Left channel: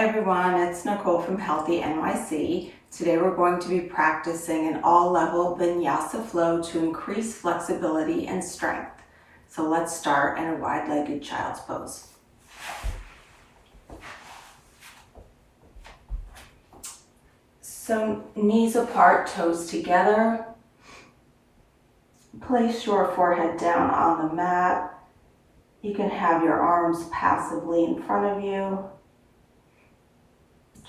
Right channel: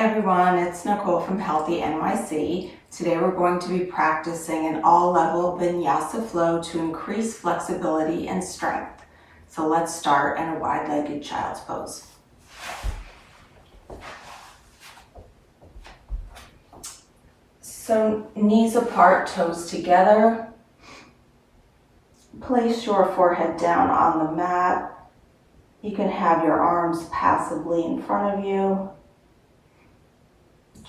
Hi everyone, it's Nicole from Healthy.nyc. Today we're going to be practicing an all-level vinyasa flow to increase flexibility and strength. So let's start in a wide-legged child's pose. So knees apart, toes together. Place your forehead down on the mat. You can have your arms passively in front of you.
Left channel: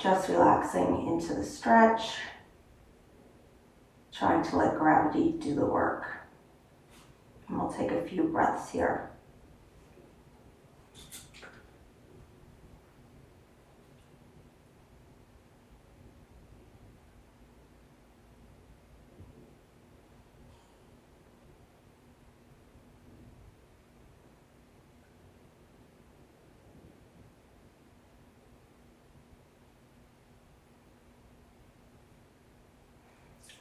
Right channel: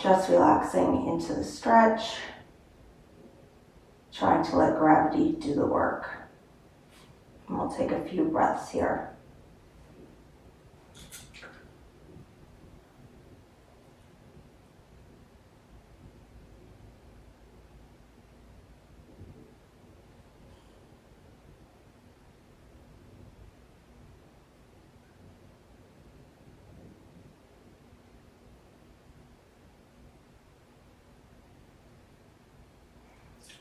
Just relaxing into the stretch, trying to let gravity do the work. And we'll take a few breaths here.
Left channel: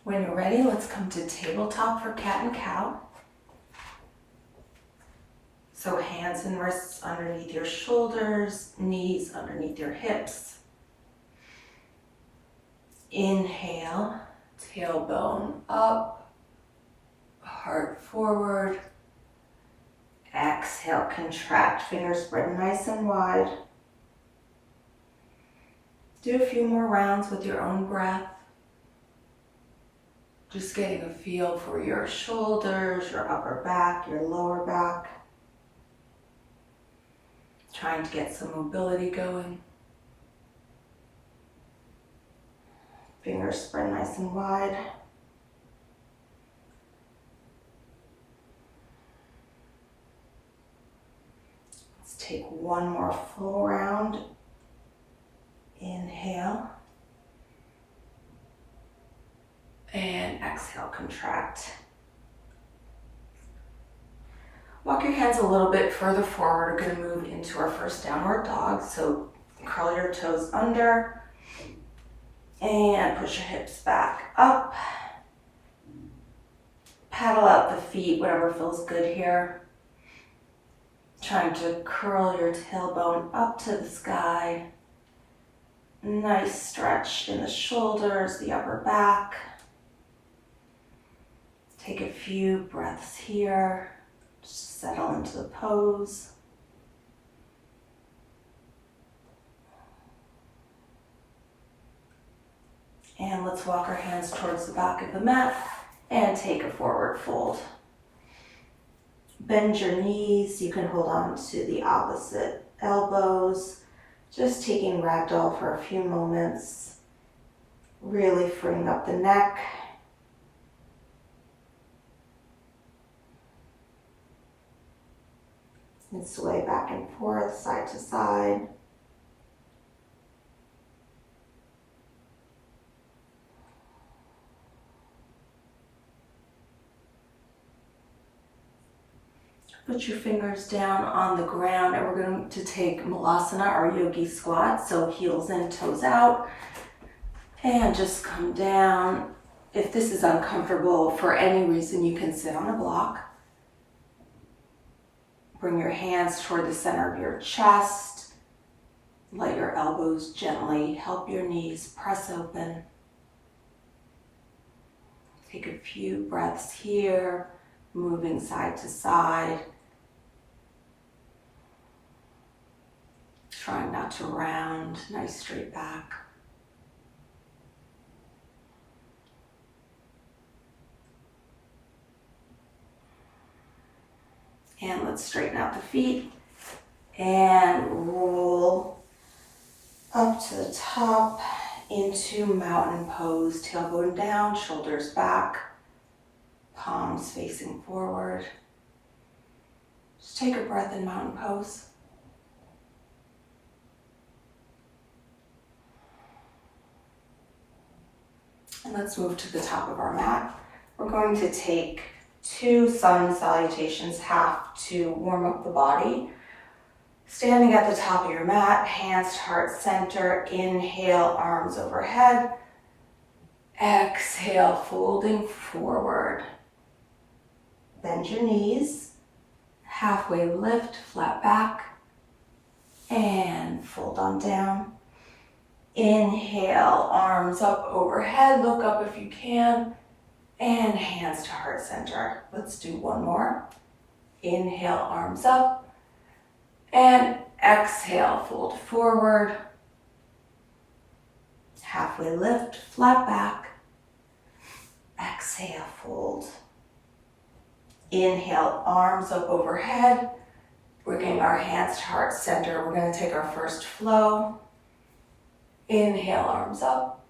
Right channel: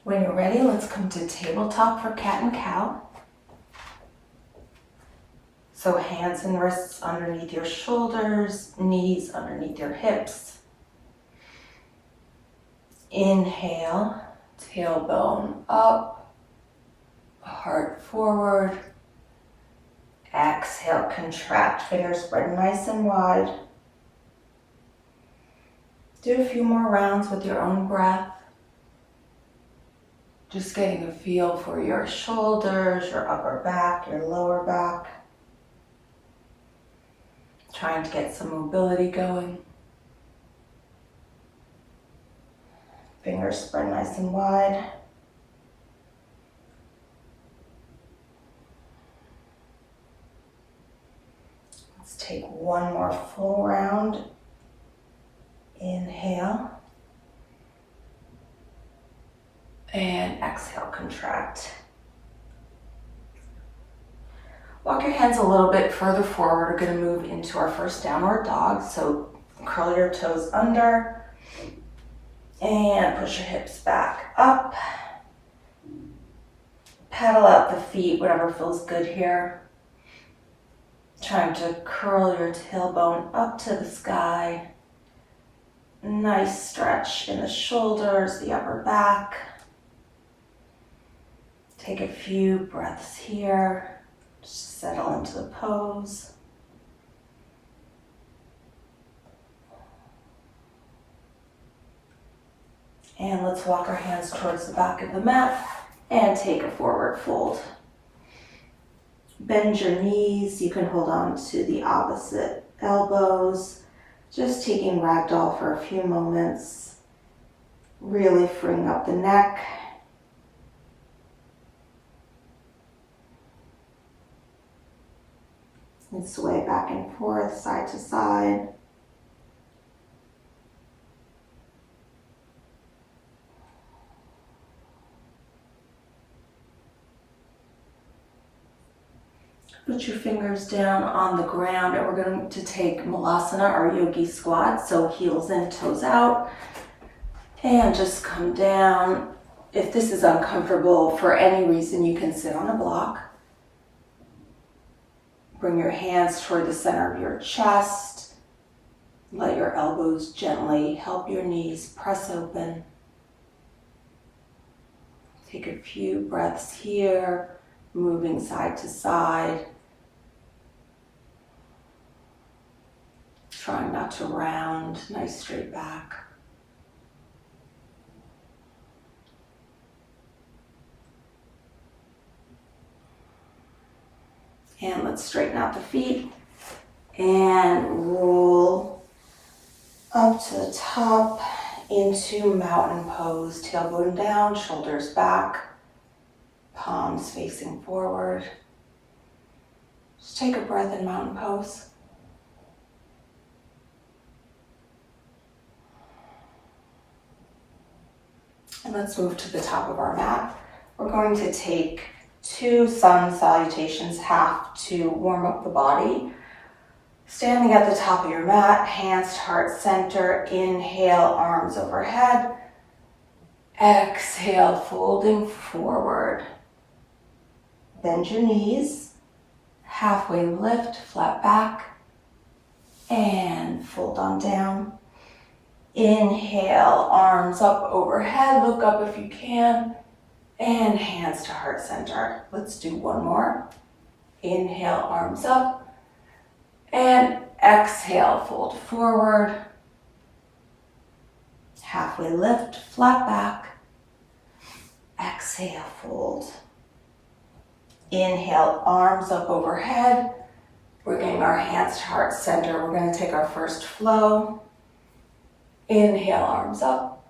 When you're ready, let's come to tabletop for cat and cow. So hands and wrists underneath your shoulders, knees underneath your hips. Inhale, tailbone up, heart forward. Exhale, contract, fingers spread nice and wide. Do a few more rounds with your own breath. Just getting a feel for your shoulders, your upper back, your lower back. Trying to get some mobility going. Fingers spread nice and wide. Let's take one more full round. Inhale. And exhale, contract. Walk your hands a little bit further forward. We're going to move into our first downward dog. So curl your toes under and push your hips back up. Paddle out the feet, whatever feels good here. Trying to curl your tailbone up to the sky. Nice stretch in the shoulders, the upper back. Take a few breaths here. Just settle into the pose. And let's walk our hands towards the back of the mat and take a forward fold. Bend your knees. You can hold on to the opposite elbows. Just taking ragdoll for a few moments. Really freeing up the neck. And sway back and forth, side to side. Put your fingers down on the ground and we're going to take Malasana, our yogi squat. So heels in, toes out. And just come down. If this is uncomfortable for any reason, you can sit on a block. Bring your hands toward the center of your chest. Let your elbows gently help your knees press open. Take a few breaths here, moving side to side. Trying not to round, nice straight back. And let's straighten out the feet and roll up to the top into mountain pose. Tailbone down, shoulders back, palms facing forward. Just take a breath in mountain pose. And let's move to the top of our mat. We're going to take 2 sun salutations, half to warm up the body. Standing at the top of your mat, hands to heart center. Inhale, arms overhead. Exhale, folding forward. Bend your knees. Halfway lift, flat back. And fold on down. Inhale, arms up overhead, look up if you can, and hands to heart center. Let's do one more. Inhale, arms up, and exhale, fold forward. Halfway lift, flat back. Exhale, fold. Inhale, arms up overhead, bringing our hands to heart center. We're going to take our first flow. Inhale, arms up,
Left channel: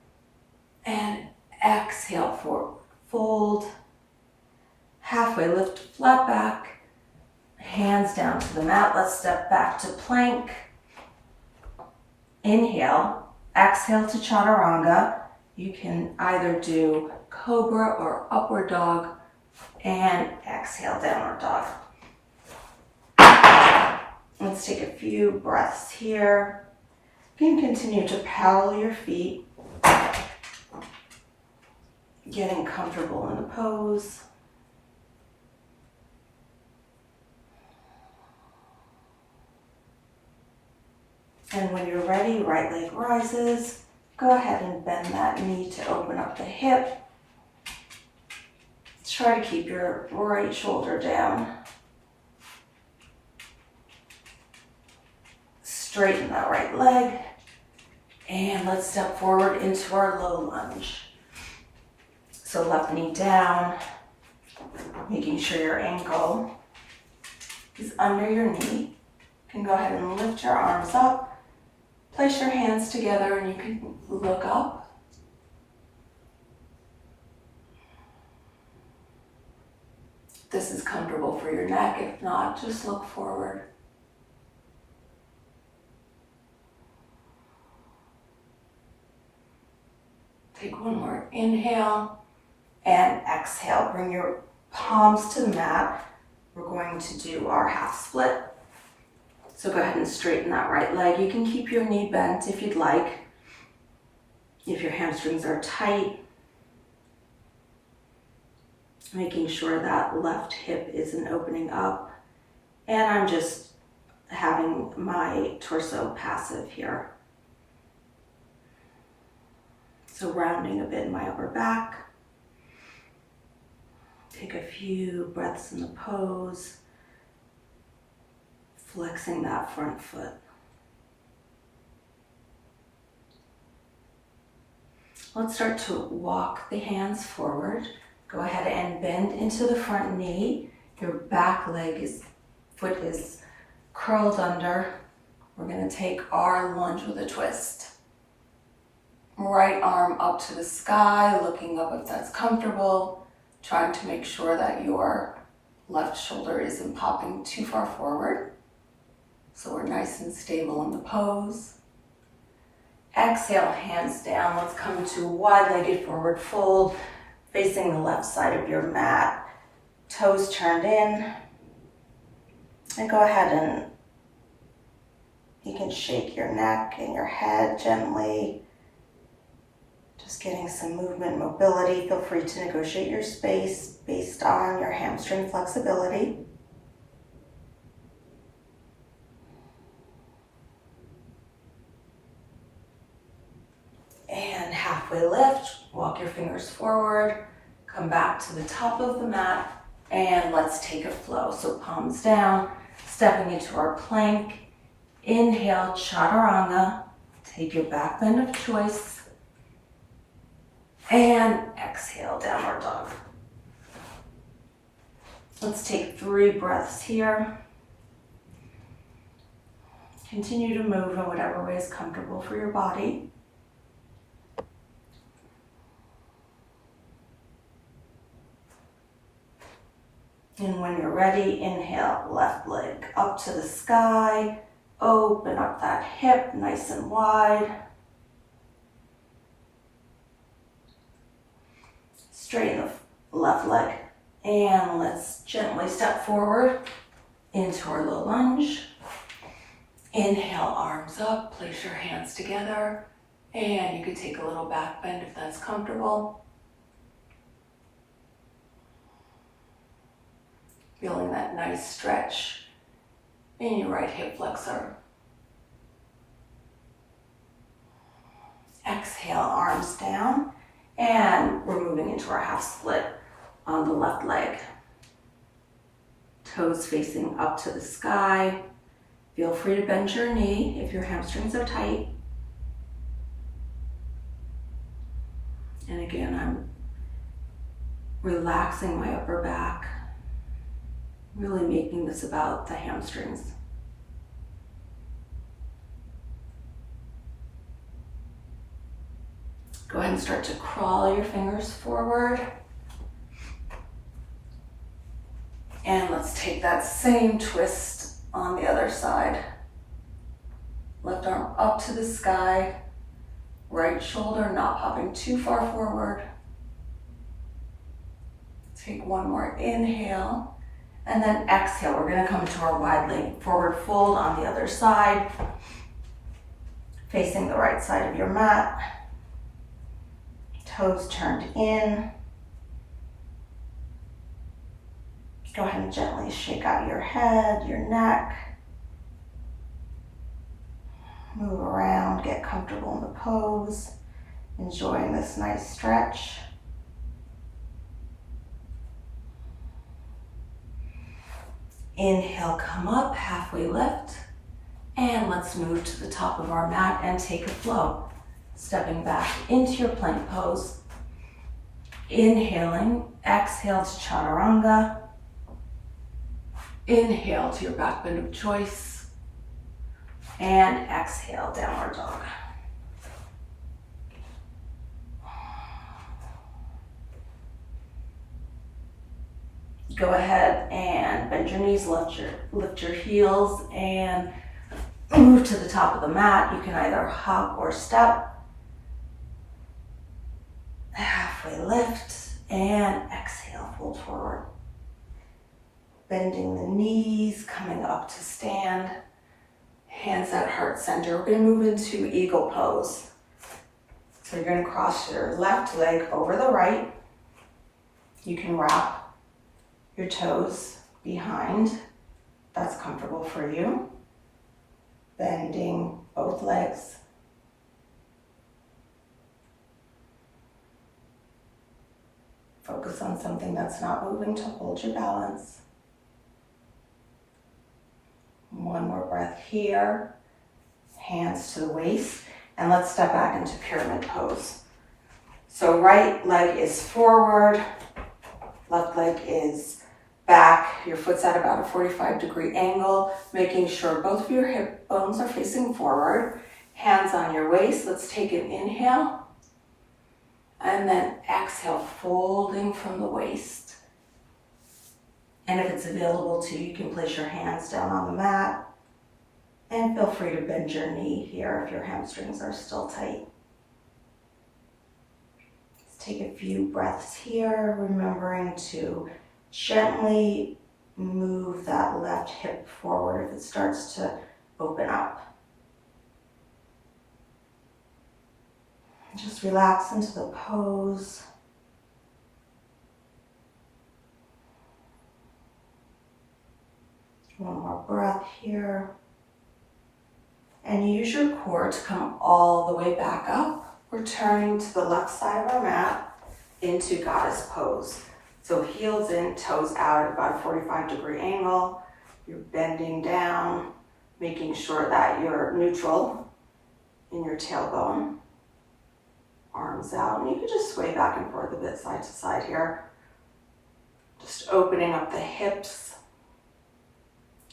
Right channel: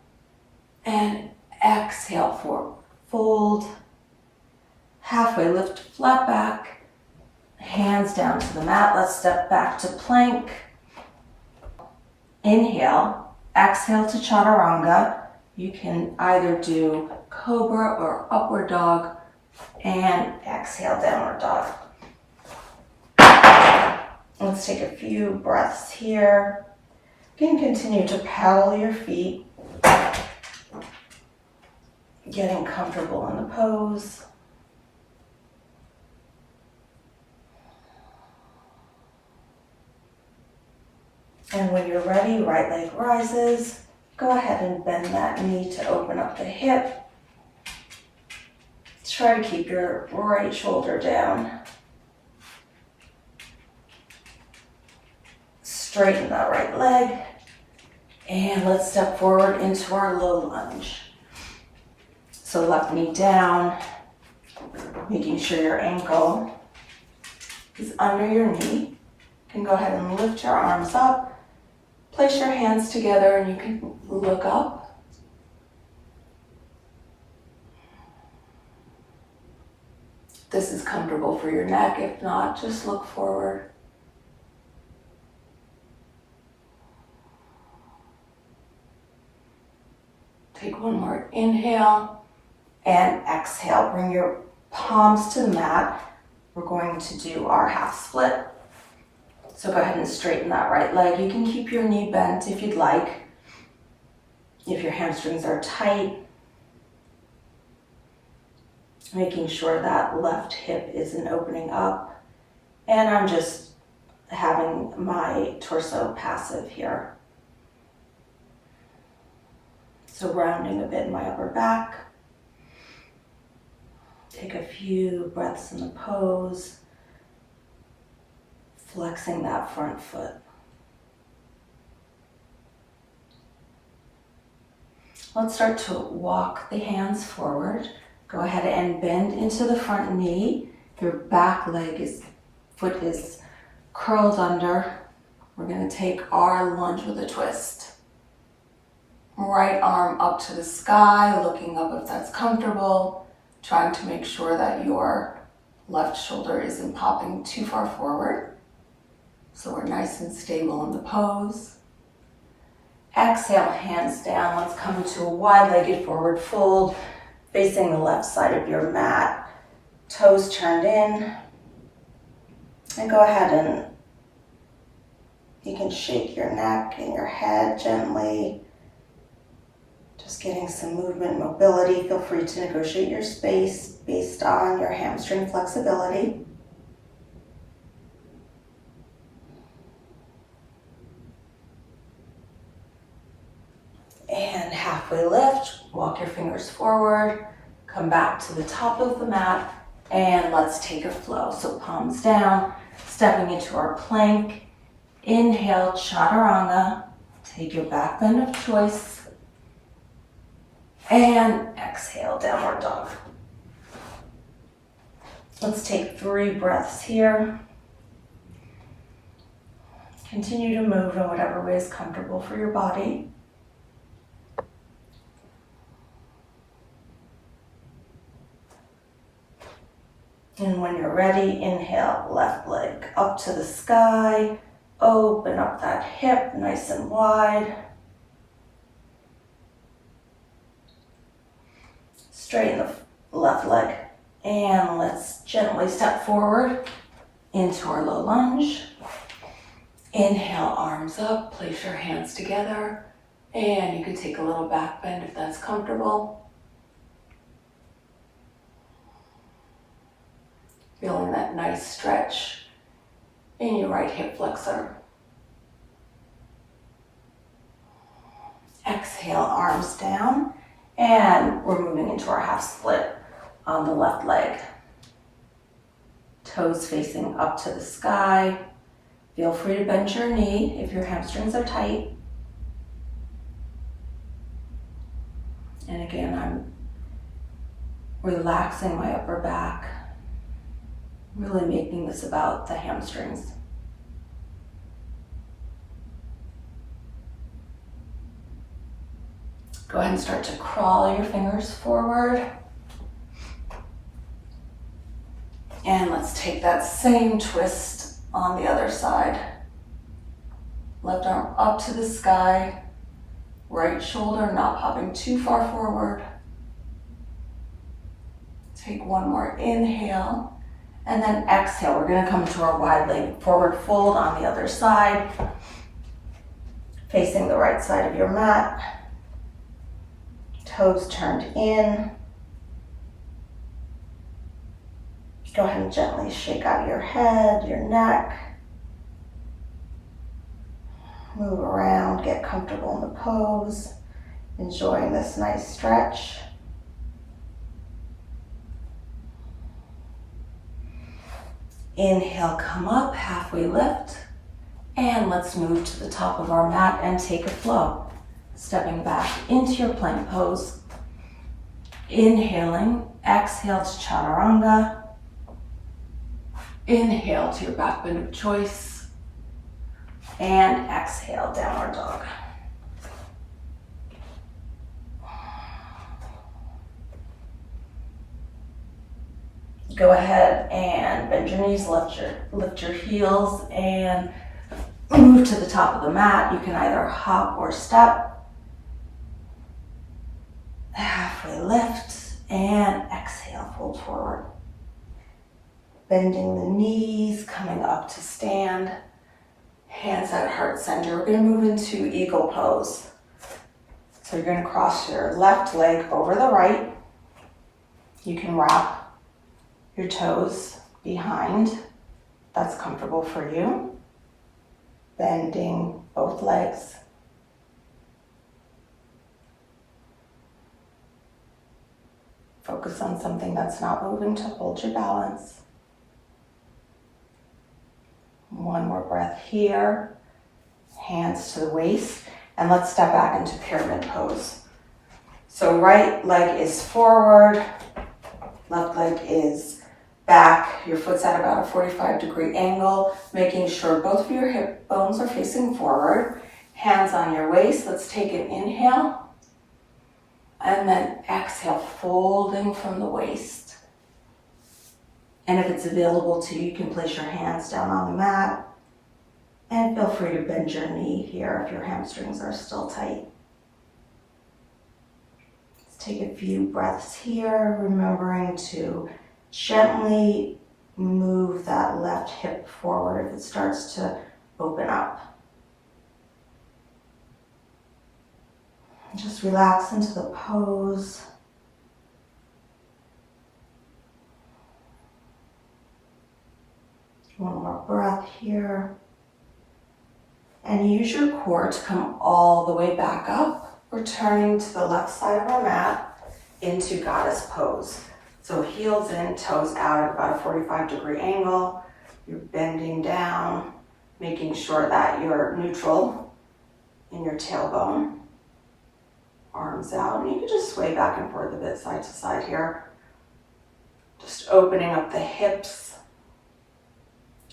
and exhale, forward, fold. Halfway lift, flat back, hands down to the mat. Let's step back to plank. Inhale, exhale to chaturanga. You can either do cobra or upward dog, and exhale, downward dog. Let's take a few breaths here. You can continue to paddle your feet, getting comfortable in the pose. And when you're ready, right leg rises. Go ahead and bend that knee to open up the hip. Try to keep your right shoulder down. Straighten that right leg. And let's step forward into our low lunge. So left knee down, making sure your ankle is under your knee. You can go ahead and lift your arms up. Place your hands together and you can look up. This is comfortable for your neck. If not, just look forward. Take one more inhale and exhale. Bring your palms to the mat. We're going to do our half split. So go ahead and straighten that right leg. You can keep your knee bent if you'd like. If your hamstrings are tight, making sure that left hip isn't opening up. And I'm just having my torso passive here. So rounding a bit in my upper back. Take a few breaths in the pose. Flexing that front foot. Let's start to walk the hands forward. Go ahead and bend into the front knee. Your back foot is curled under. We're going to take our lunge with a twist. Right arm up to the sky, looking up if that's comfortable. Trying to make sure that your left shoulder isn't popping too far forward. So we're nice and stable in the pose. Exhale, hands down. Let's come to a wide-legged forward fold, facing the left side of your mat. Toes turned in. And go ahead and you can shake your neck and your head gently. Just getting some movement, mobility. Feel free to negotiate your space based on your hamstring flexibility. And halfway lift, walk your fingers forward, come back to the top of the mat, and let's take a flow. So palms down, stepping into our plank. Inhale, chaturanga. Take your back bend of choice. And exhale, downward dog. Let's take 3 breaths here. Continue to move in whatever way is comfortable for your body. And when you're ready, inhale, left leg up to the sky. Open up that hip nice and wide. Straighten the left leg. And let's gently step forward into our low lunge. Inhale, arms up, place your hands together. And you can take a little back bend if that's comfortable. Feeling that nice stretch in your right hip flexor. exhale, arms down, and we're moving into our half split on the left leg. Toes facing up to the sky. Feel free to bend your knee if your hamstrings are tight. And again, I'm relaxing my upper back, really making this about the hamstrings. Go ahead and start to crawl your fingers forward. And let's take that same twist on the other side. Left arm up to the sky. Right shoulder not popping too far forward. Take one more inhale. And then exhale. We're going to come to our wide leg forward fold on the other side. Facing the right side of your mat. Toes turned in. Go ahead and gently shake out your head, your neck. Move around, get comfortable in the pose. Enjoying this nice stretch. Inhale, come up, halfway lift. And let's move to the top of our mat and take a flow. Stepping back into your plank pose. Inhaling, exhale to chaturanga. Inhale to your back bend of choice. And exhale, downward dog. Go ahead and bend your knees, lift your heels, and move to the top of the mat. You can either hop or step. Halfway lift and exhale, fold forward. Bending the knees, coming up to stand. Hands at heart center. We're going to move into eagle pose. So you're going to cross your left leg over the right. You can wrap your toes behind. That's comfortable for you. Bending both legs. Focus on something that's not moving to hold your balance. One more breath here. Hands to the waist. And let's step back into pyramid pose. So right leg is forward. Left leg is back. Your foot's at about a 45-degree angle, making sure both of your hip bones are facing forward. Hands on your waist. Let's take an inhale. And then exhale, folding from the waist. And if it's available to you, you can place your hands down on the mat. And feel free to bend your knee here if your hamstrings are still tight. Let's take a few breaths here, remembering to gently move that left hip forward if it starts to open up. Just relax into the pose. One more breath here. And use your core to come all the way back up, returning to the left side of our mat into goddess pose. So heels in, toes out at about a 45-degree angle. You're bending down, making sure that you're neutral in your tailbone. Arms out, and you can just sway back and forth a bit side to side here. Just opening up the hips,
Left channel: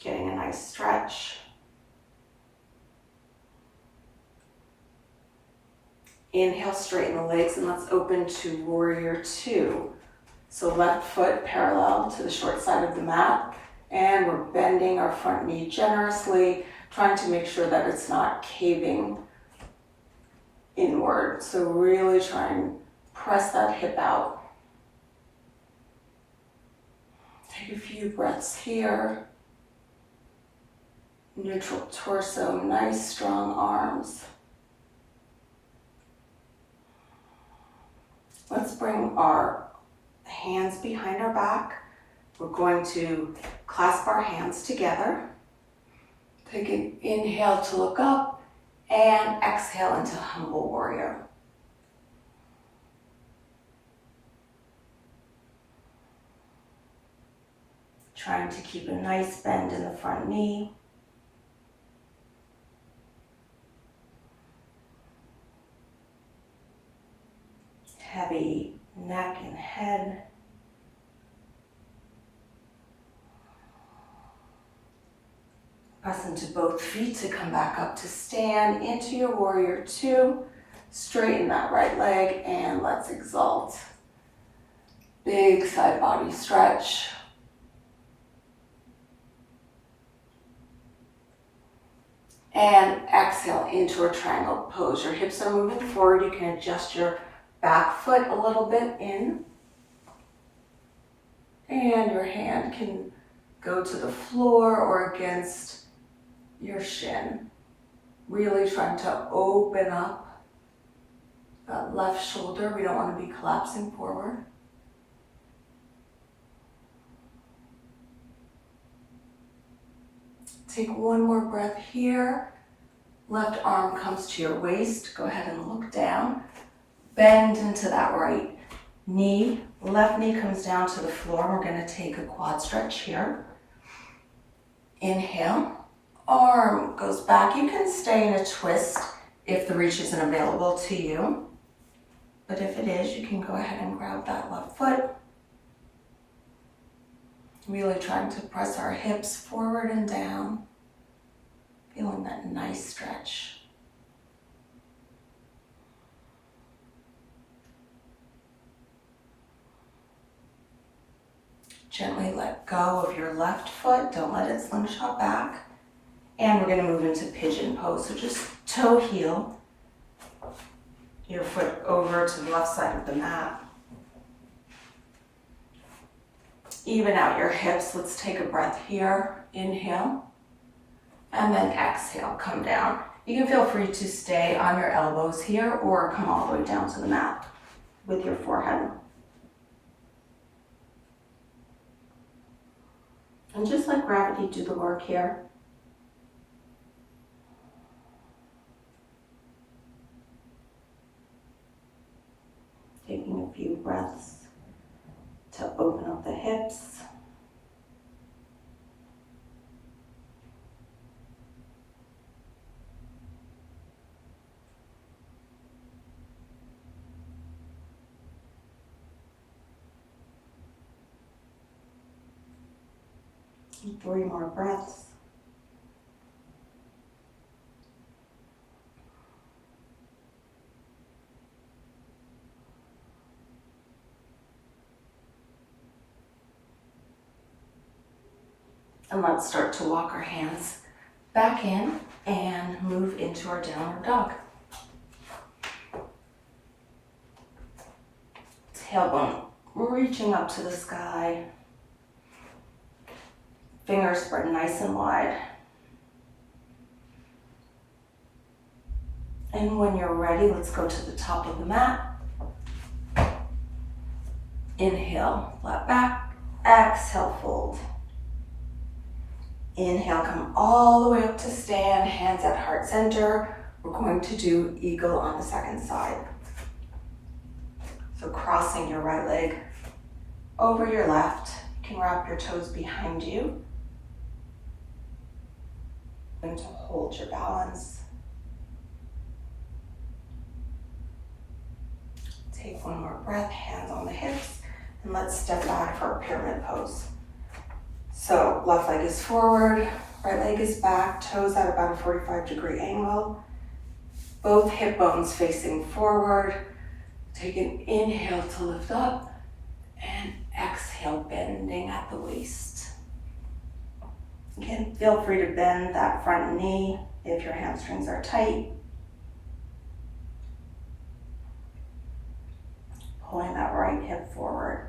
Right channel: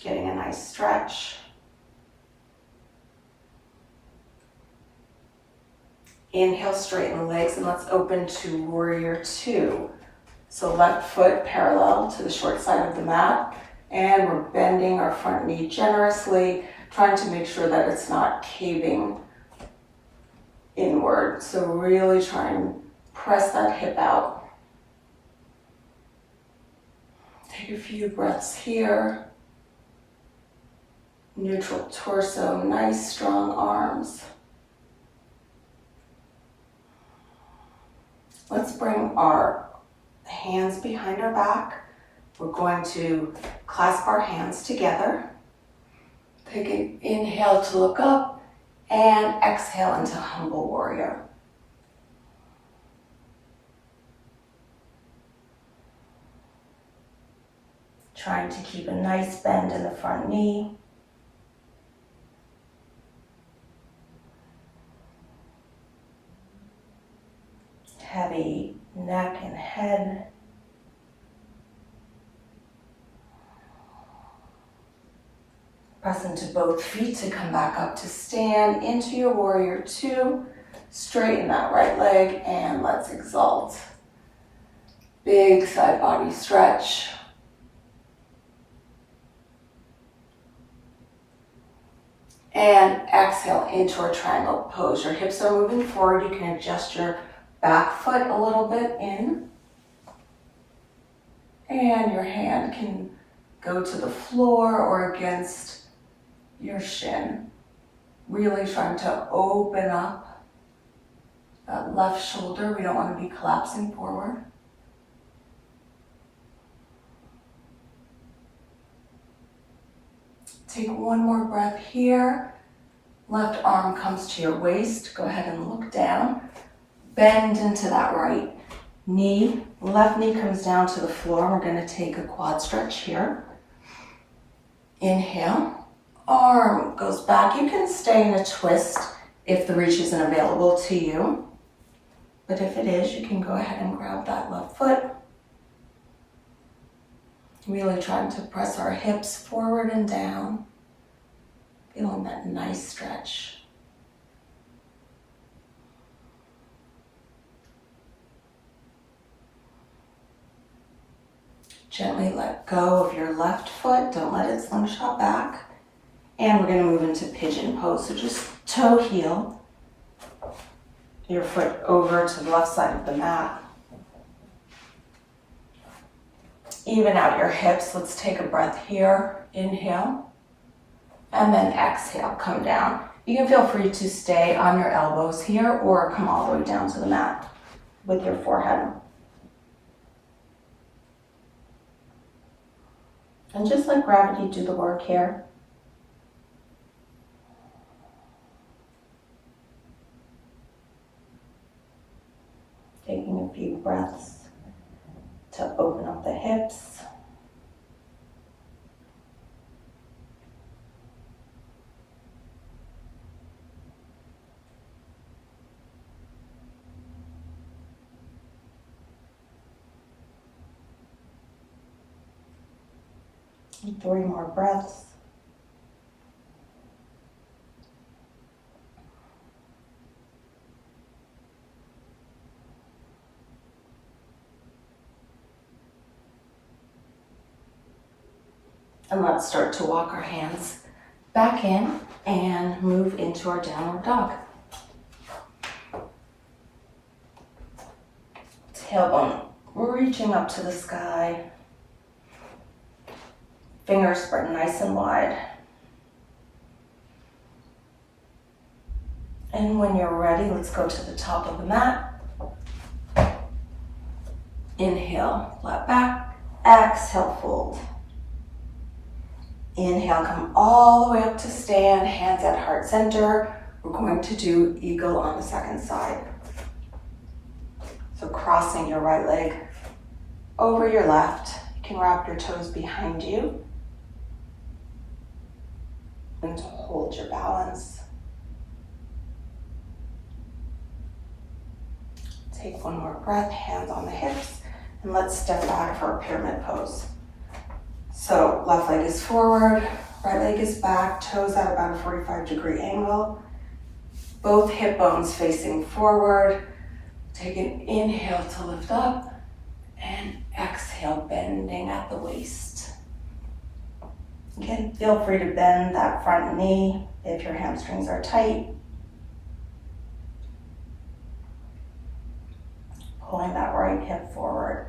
getting a nice stretch. Inhale, straighten the legs, and let's open to warrior two. So left foot parallel to the short side of the mat, and we're bending our front knee generously, trying to make sure that it's not caving inward. So really try and press that hip out. Take a few breaths here. Neutral torso, nice strong arms. Let's bring our hands behind our back. We're going to clasp our hands together. Take an inhale to look up and exhale into humble warrior. Trying to keep a nice bend in the front knee. Heavy neck and head. Press into both feet to come back up to stand into your warrior two. Straighten that right leg and let's exalt. Big side body stretch. And exhale into a triangle pose. Your hips are moving forward. You can adjust your back foot a little bit in. And your hand can go to the floor or against your shin. Really trying to open up that left shoulder. We don't want to be collapsing forward. Take one more breath here. Left arm comes to your waist. Go ahead and look down. Bend into that right knee. Left knee comes down to the floor. We're going to take a quad stretch here. Inhale. Arm goes back. You can stay in a twist if the reach isn't available to you. But if it is, you can go ahead and grab that left foot. Really trying to press our hips forward and down. Feeling that nice stretch. Gently let go of your left foot. Don't let it slingshot back. And we're going to move into pigeon pose. So just toe heel your foot over to the left side of the mat. Even out your hips. Let's take a breath here. Inhale. And then exhale, come down. You can feel free to stay on your elbows here or come all the way down to the mat with your forehead. And just let gravity do the work here. Taking a few breaths to open up the hips. And 3 more breaths. And let's start to walk our hands back in and move into our downward dog. Tailbone reaching up to the sky. Fingers spread nice and wide. And when you're ready, let's go to the top of the mat. Inhale, flat back. Exhale, fold. Inhale, come all the way up to stand, hands at heart center. We're going to do eagle on the second side. So crossing your right leg over your left. You can wrap your toes behind you. And hold your balance. Take one more breath, hands on the hips, and let's step back for our pyramid pose. So left leg is forward, right leg is back, toes at about a 45-degree angle. Both hip bones facing forward. Take an inhale to lift up and exhale, bending at the waist. Again, feel free to bend that front knee if your hamstrings are tight. Pulling that right hip forward.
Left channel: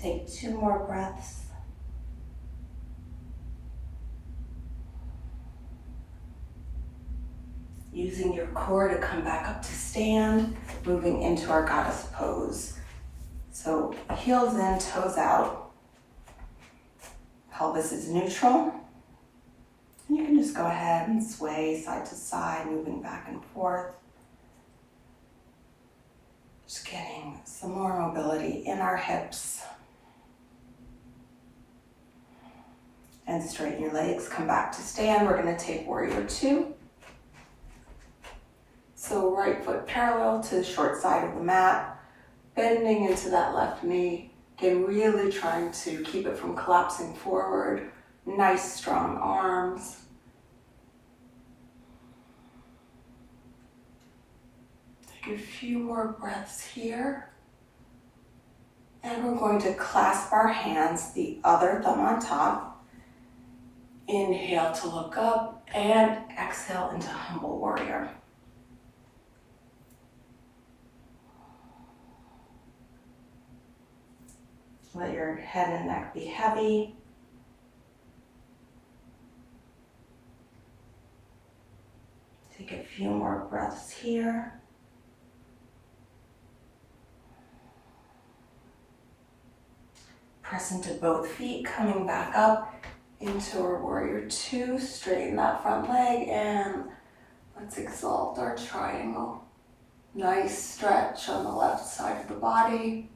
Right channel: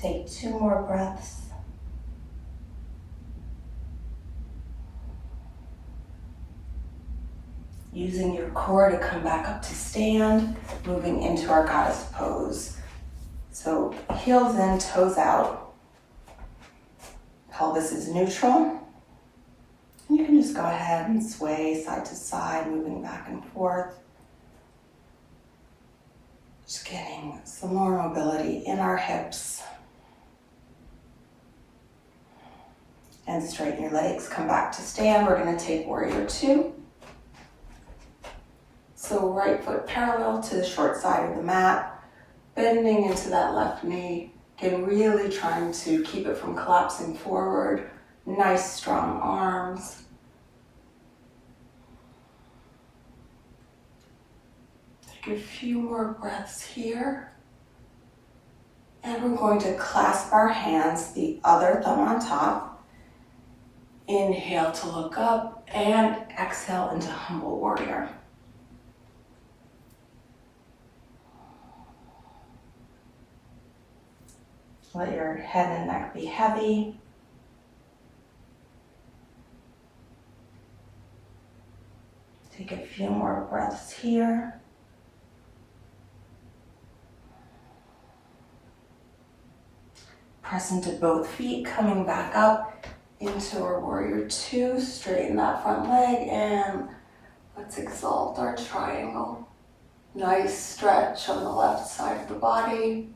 Take 2 more breaths. Using your core to come back up to stand, moving into our goddess pose. So heels in, toes out. Pelvis is neutral. And you can just go ahead and sway side to side, moving back and forth. Just getting some more mobility in our hips. And straighten your legs, come back to stand. We're gonna take warrior two. So right foot parallel to the short side of the mat, bending into that left knee. Again, really trying to keep it from collapsing forward. Nice strong arms. Take a few more breaths here. And we're going to clasp our hands, the other thumb on top. Inhale to look up and exhale into humble warrior. Let your head and neck be heavy. Take a few more breaths here. Press into both feet, coming back up into our warrior two. Straighten that front leg and let's exalt our triangle. Nice stretch on the left side of the body.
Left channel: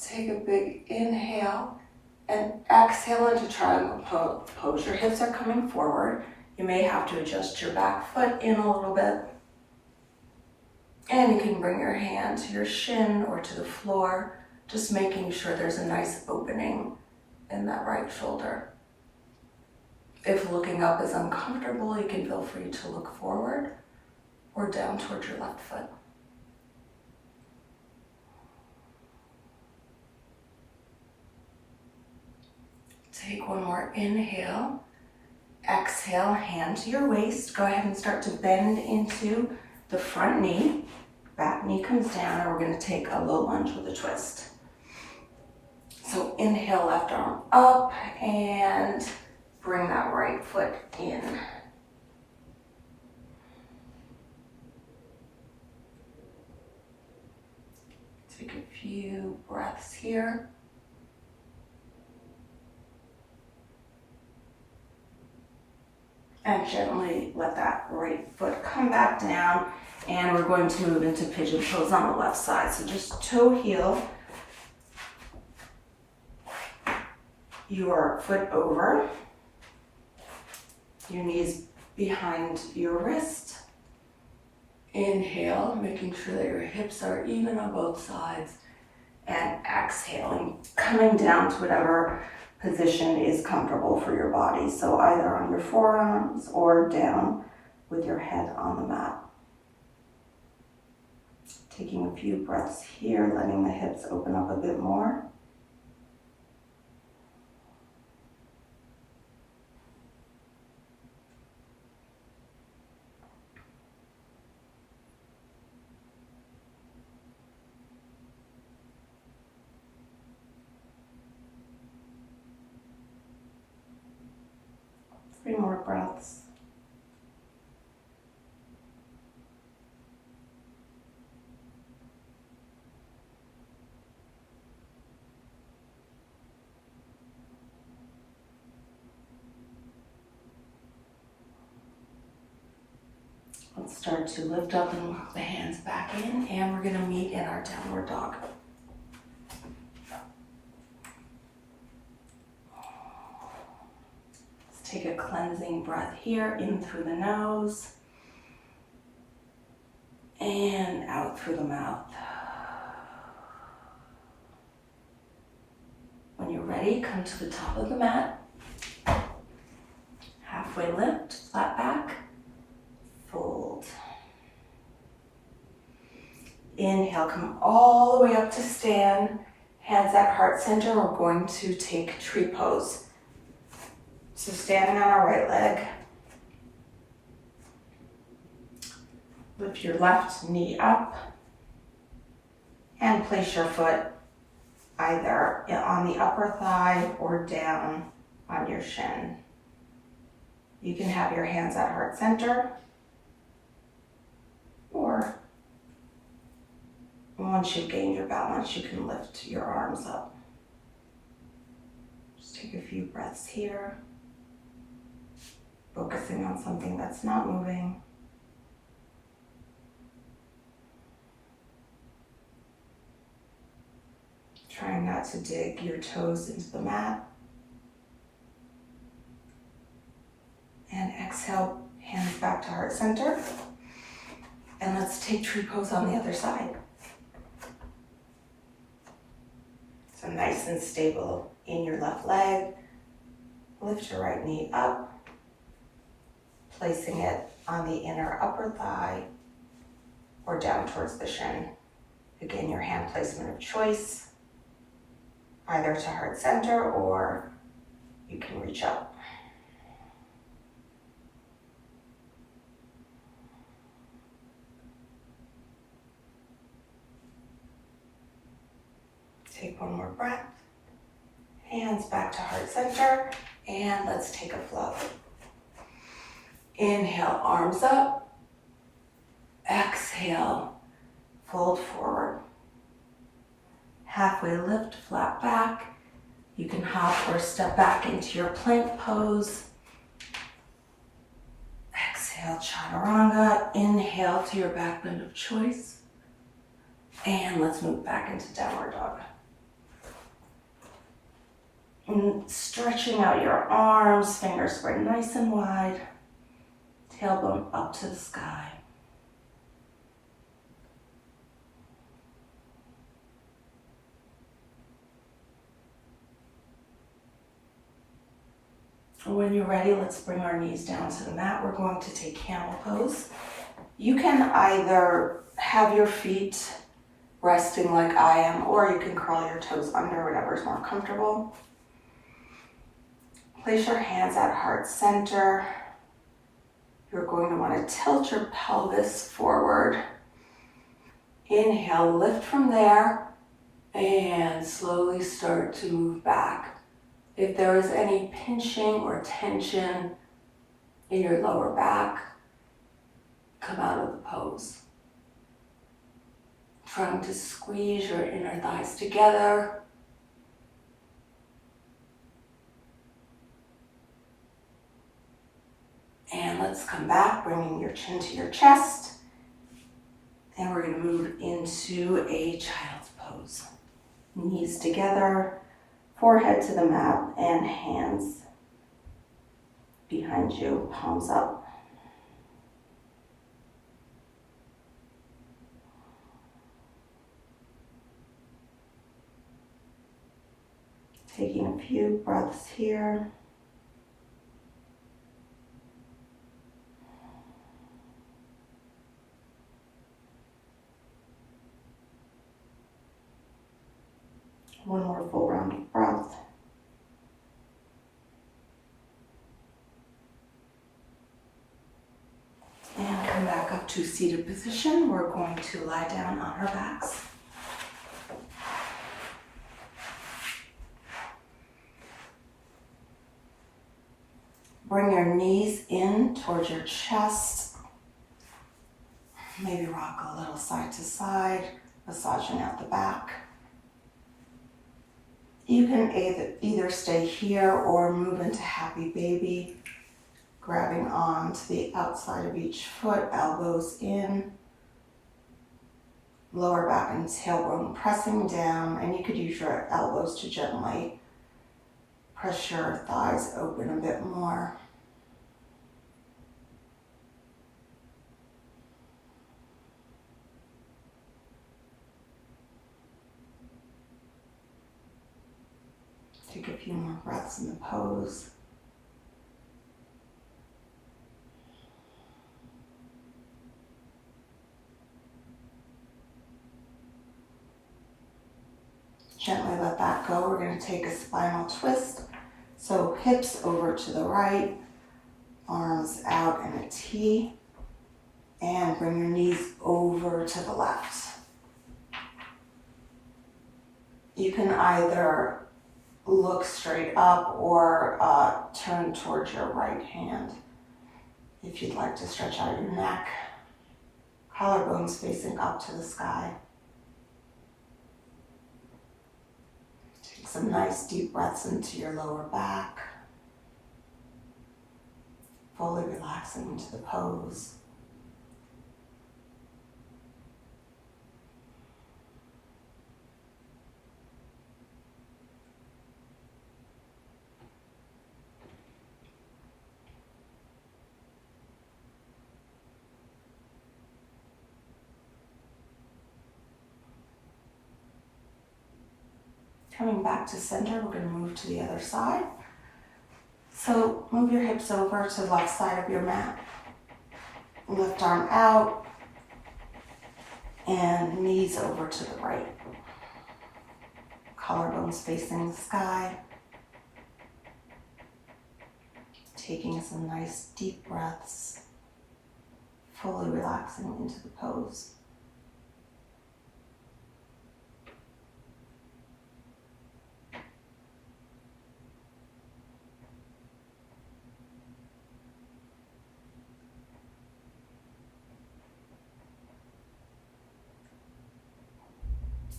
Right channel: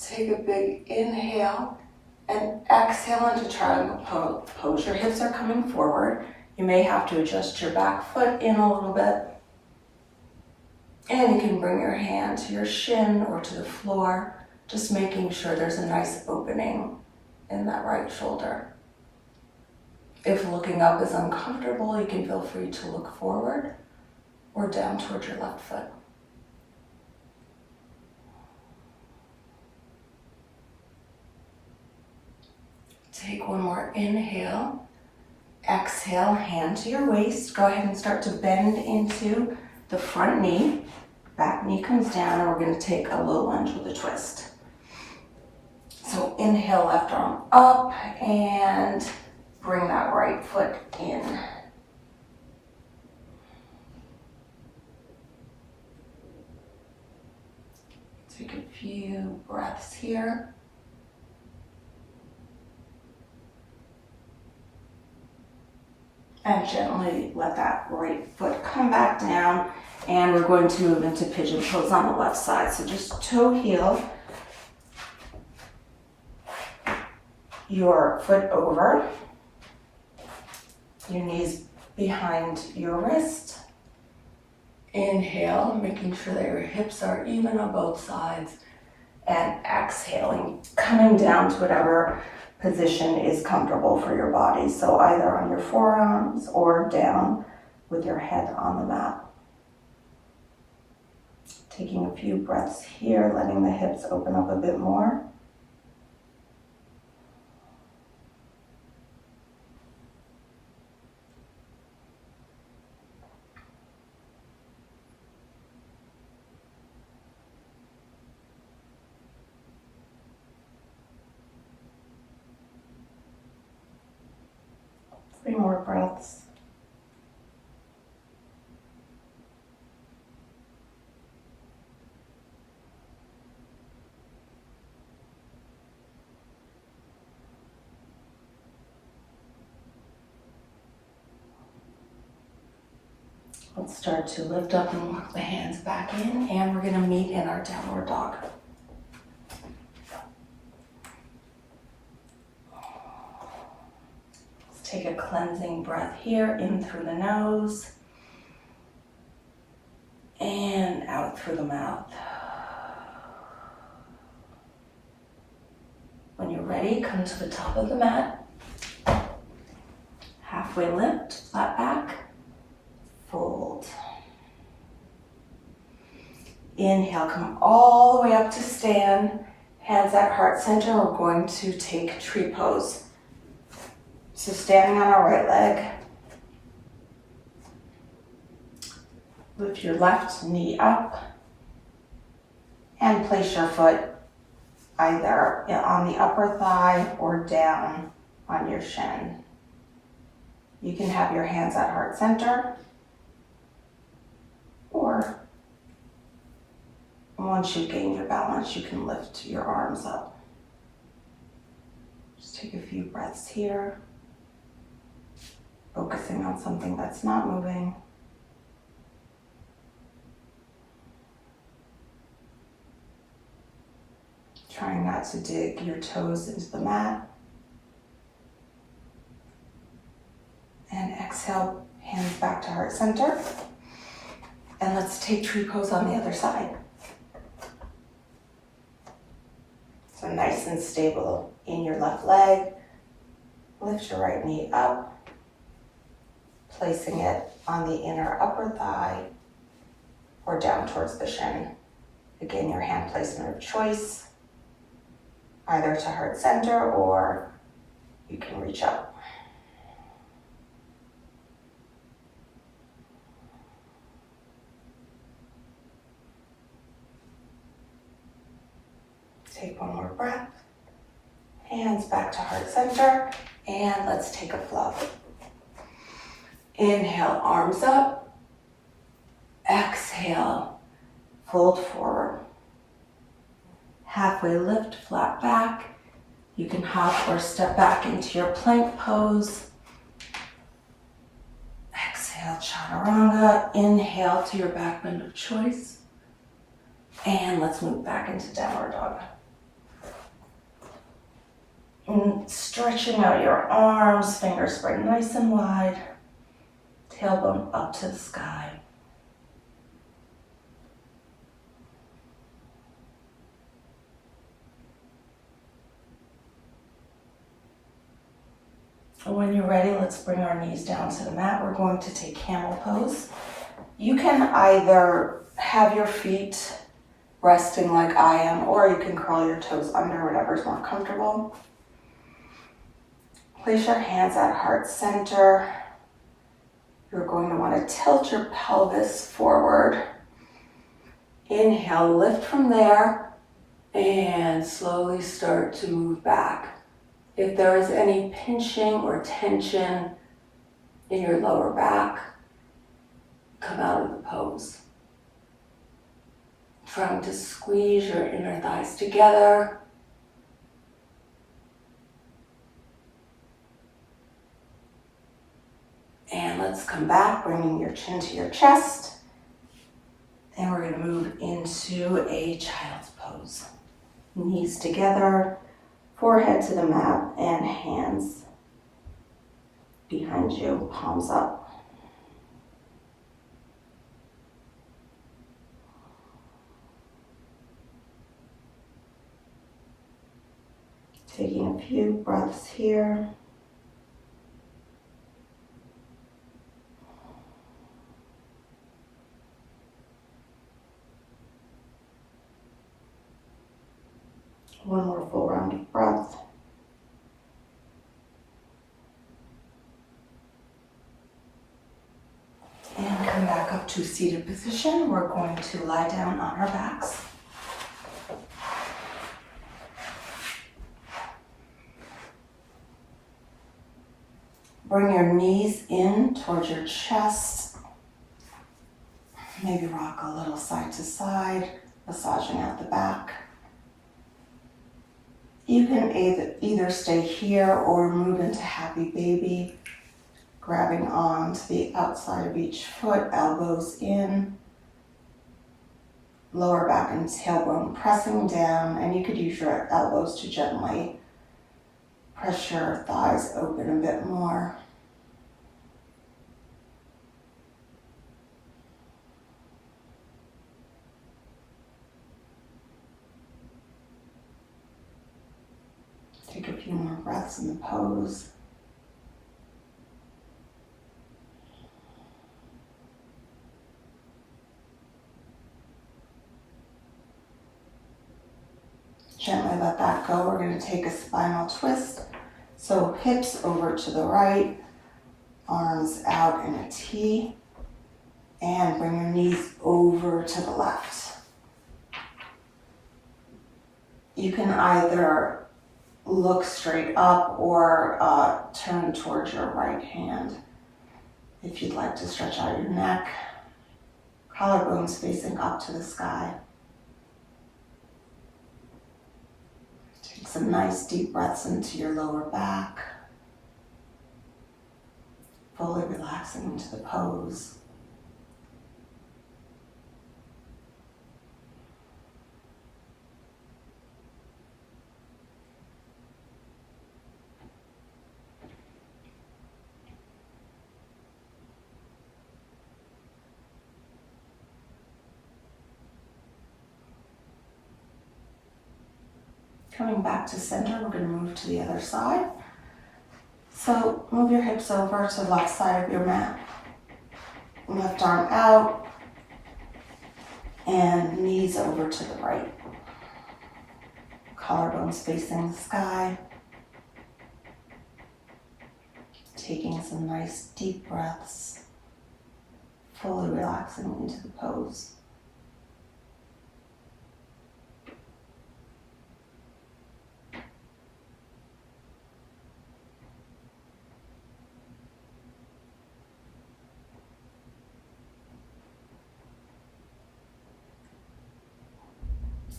Take a big inhale and exhale into triangle pose. Your hips are coming forward. You may have to adjust your back foot in a little bit. And you can bring your hand to your shin or to the floor, just making sure there's a nice opening in that right shoulder. If looking up is uncomfortable, you can feel free to look forward or down towards your left foot. Take one more inhale. Exhale, hand to your waist. Go ahead and start to bend into the front knee. Back knee comes down and we're going to take a low lunge with a twist. So inhale, left arm up and bring that right foot in. Take a few breaths here. And gently let that right foot come back down. And we're going to move into pigeon pose on the left side. So just toe heel your foot over, your knees behind your wrist. Inhale, making sure that your hips are even on both sides. And exhaling, coming down to whatever position is comfortable for your body. So either on your forearms or down with your head on the mat. Taking a few breaths here, letting the hips open up a bit more. Three more breaths. Let's start to lift up and walk the hands back in, and we're going to meet in our downward dog. Take a cleansing breath here, in through the nose and out through the mouth. When you're ready, come to the top of the mat. Halfway lift, flat back, fold. Inhale, come all the way up to stand. Hands at heart center. We're going to take tree pose. So standing on our right leg, lift your left knee up and place your foot either on the upper thigh or down on your shin. You can have your hands at heart center, or once you've gained your balance, you can lift your arms up. Just Take a few breaths here, focusing on something that's not moving. Trying not to dig your toes into the mat. And exhale, hands back to heart center. And let's take tree pose on the other side. So nice and stable in your left leg. Lift your right knee up, placing it on the inner upper thigh or down towards the shin. Again, your hand placement of choice, either to heart center or you can reach up. Take one more breath. Hands back to heart center, and let's take a flow. Inhale, arms up. Exhale, fold forward. Halfway lift, flat back. You can hop or step back into your plank pose. Exhale, chaturanga. Inhale to your back bend of choice. And let's move back into downward dog. And stretching out your arms, fingers spread nice and wide. Tailbone up to the sky. And when you're ready, let's bring our knees down to the mat. We're going to take Camel Pose. You can either have your feet resting like I am, or you can curl your toes under, whatever's more comfortable. Place your hands at heart center. You're going to want to tilt your pelvis forward. Inhale, lift from there, and slowly start to move back. If there is any pinching or tension in your lower back, come out of the pose. Trying to squeeze your inner thighs together. And let's come back, bringing your chin to your chest. And we're going to move into a child's pose. Knees together, forehead to the mat, and hands behind you, palms up. Taking a few breaths here. One more full round of breath. And come back up to seated position. We're going to lie down on our backs. Bring your knees in towards your chest. Maybe rock a little side to side, massaging out the back. You can either stay here or move into happy baby, grabbing onto the outside of each foot, elbows in, lower back and tailbone pressing down, and you could use your elbows to gently press your thighs open a bit more. Take a few more breaths in the pose. Gently let that go. We're going to take a spinal twist. So hips over to the right, arms out in a T, and bring your knees over to the left. You can either look straight up or turn towards your right hand. If you'd like to stretch out your neck, collarbones facing up to the sky. Take some nice deep breaths into your lower back. Fully relaxing into the pose. Coming back to center, we're going to move to the other side. So move your hips over to the left side of your mat. Left arm out and knees over to the right. Collarbones facing the sky. Taking some nice deep breaths. Fully relaxing into the pose.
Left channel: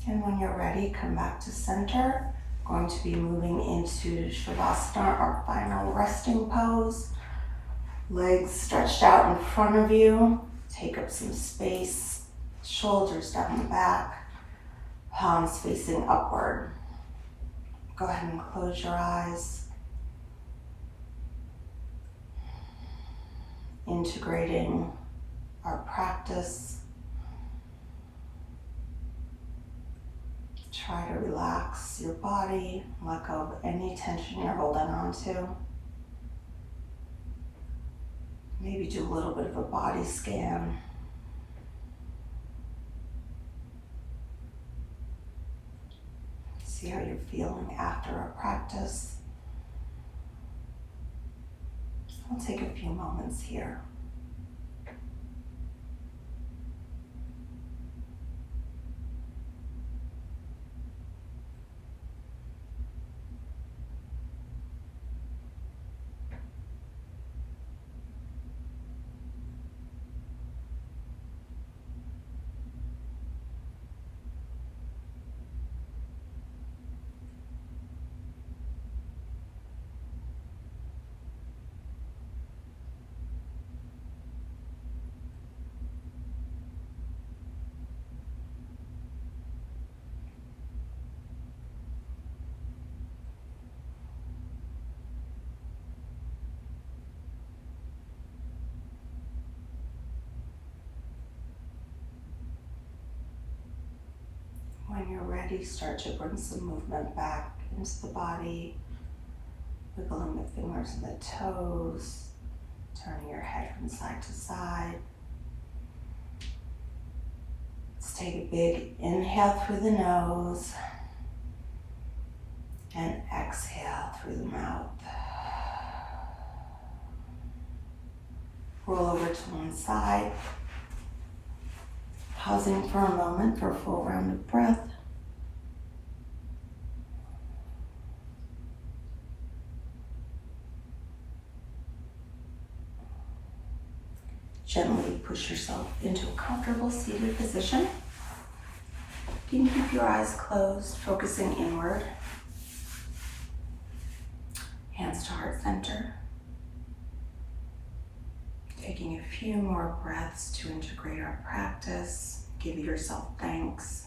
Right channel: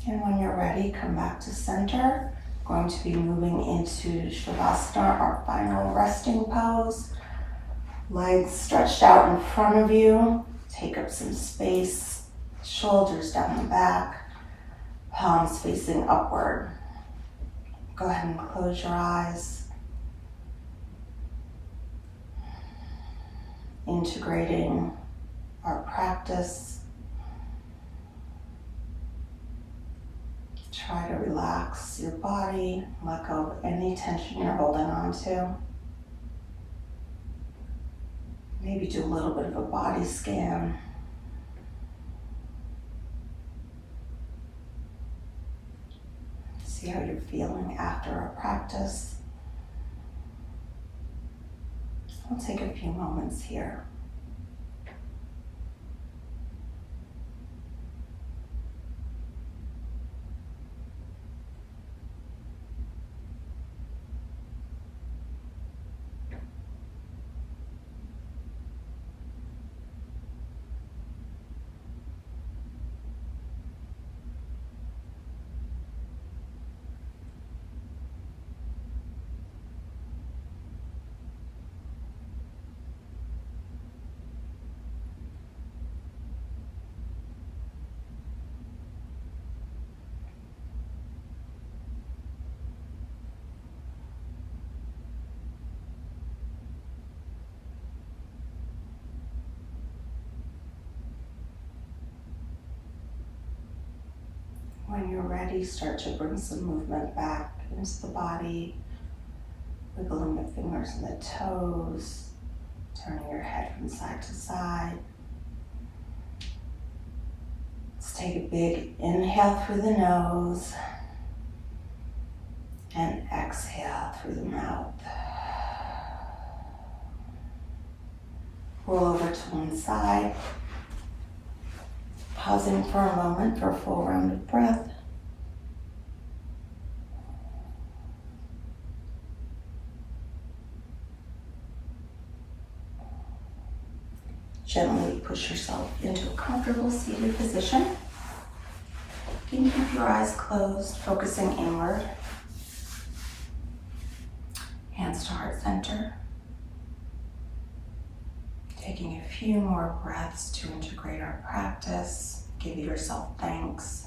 And when you're ready, come back to center. We're going to be moving into Savasana, our final resting pose. Legs stretched out in front of you. Take up some space. Shoulders down the back. Palms facing upward. Go ahead and close your eyes. Integrating our practice. Try to relax your body, let go of any tension you're holding on to. Maybe do a little bit of a body scan. See how you're feeling after our practice. We'll take a few moments here. When you're ready, start to bring some movement back into the body, wiggling the fingers and the toes, turning your head from side to side. Let's take a big inhale through the nose and exhale through the mouth. Roll over to one side. Pausing for a moment for a full round of breath. Gently push yourself into a comfortable seated position. You can keep your eyes closed, focusing inward. Hands to heart center. Taking a few more breaths to integrate our practice. Give yourself thanks.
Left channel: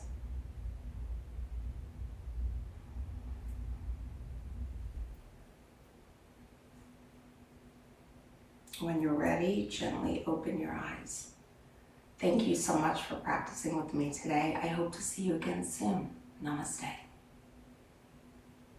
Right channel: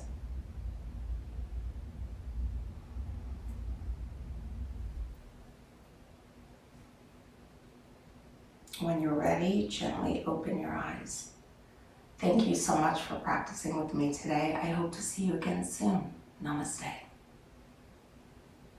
When you're ready, gently open your eyes. Thank you so much for practicing with me today. I hope to see you again soon. Namaste.